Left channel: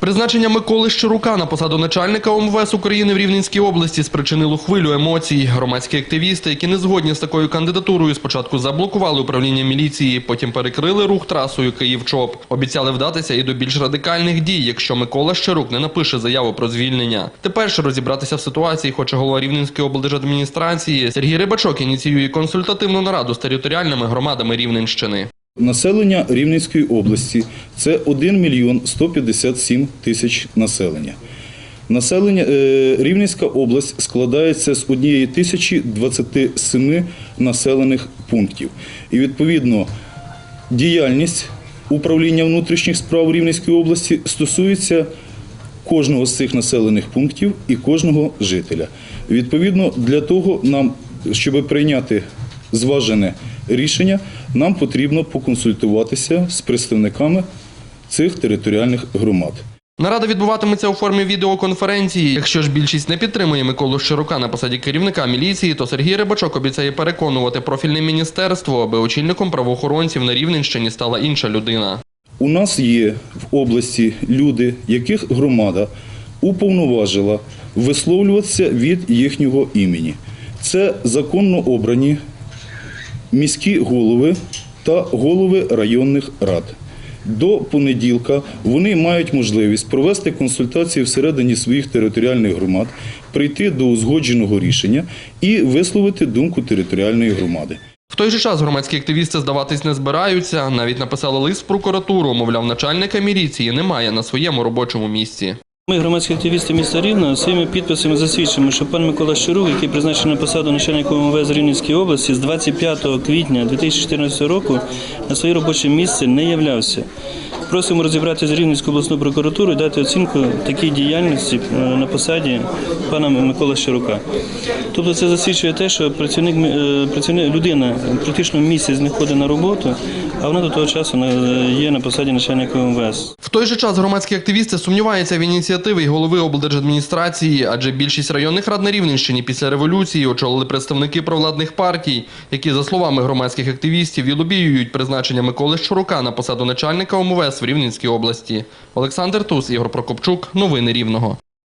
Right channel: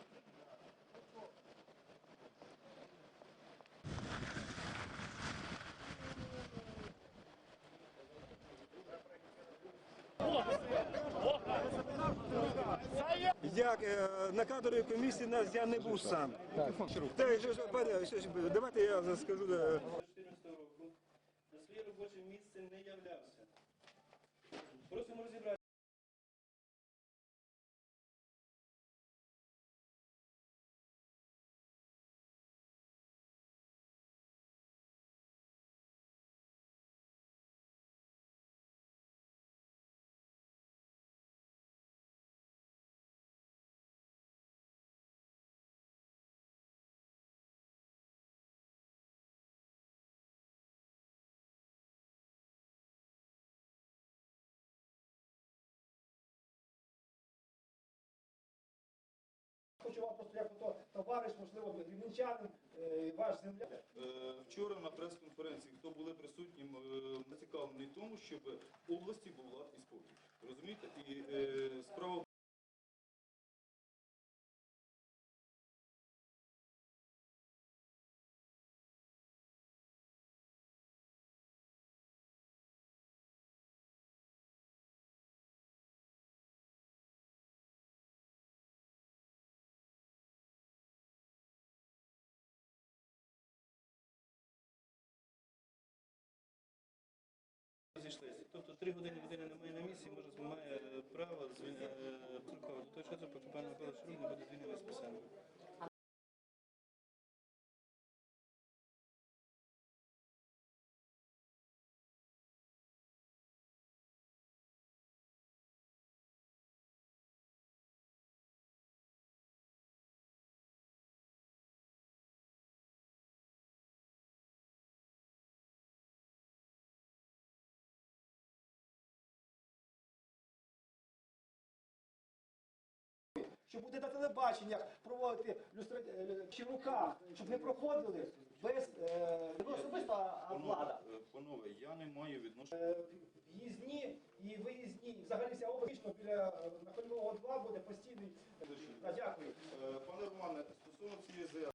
Призначення Миколи Щирука на посаду начальника ОМВС України в Рівненській області спричинило хвилю емоцій. Громадські активісти, які не згодні з такою кандидатурою, спочатку заблокували управління міліції, потім перекрили рух трасою Київ-ЧОП. Обіцяли вдатися і до більш радикальних дій, якщо Микола Щирук не напише заяву про звільнення. Тепер ж розібратися в ситуації хоче голова Рівненської облдержадміністрації. Сергій Рибачок ініціює консультативну нараду з територіальними громадами Рівненщини. Населення Рівненської області це 1 мільйон 157 тисяч населення. Населення е, Рівненська область складається з однієї тисячі 27 населених пунктів. І відповідно діяльність управління внутрішніх справ Рівненської області стосується кожного з цих населених пунктів і кожного жителя. Відповідно, для того нам, щоб прийняти зважене рішення, нам потрібно поконсультуватися з представниками цих територіальних громад. Нарада відбуватиметься у формі відеоконференції. Якщо ж більшість не підтримує Миколу Щирука на посаді керівника міліції, то Сергій Рибачок обіцяє переконувати профільне міністерство, аби очільником правоохоронців на Рівненщині стала інша людина. У нас є в області люди, яких громада уповноважила висловлюватися від їхнього імені. Це законно обрані міські голови та голови районних рад. До понеділка вони мають можливість провести консультації всередині своїх територіальних громад, прийти до узгодженого рішення і висловити думку територіальної громади. В той же час громадські активісти здаватись не збираються. Навіть написали лист в прокуратуру. Мовляв, начальника міліції немає на своєму робочому місці. Ми, громадські активісти міста Рівна, своїми підписами засвідчимо, що пан Микола Щирук, який призначений на посаду начальника МВС Рівненської області з 25 квітня 2014 року на своє робоче місце не являвся. Просимо розібрати з Рівненською обласною прокуратурою і дати оцінку такій діяльності е, на посаді пана Микола Щирука. Тобто це засвідчує те, що працівник, е, працівник людина практично місяць знаходить на роботу, а вона до того часу є на посаді начальника МВС. В той же час громадські активісти сумніваються в ініціативі голови облдержадміністрації, адже більшість районних рад на Рівненщині після революції очолили представники провладних партій, які, за словами громадських активістів, і призначення Миколи Щурука на посаду начальника ОМВС в Рівненській області. Олександр Тус, Ігор Прокопчук. Новини Рівного.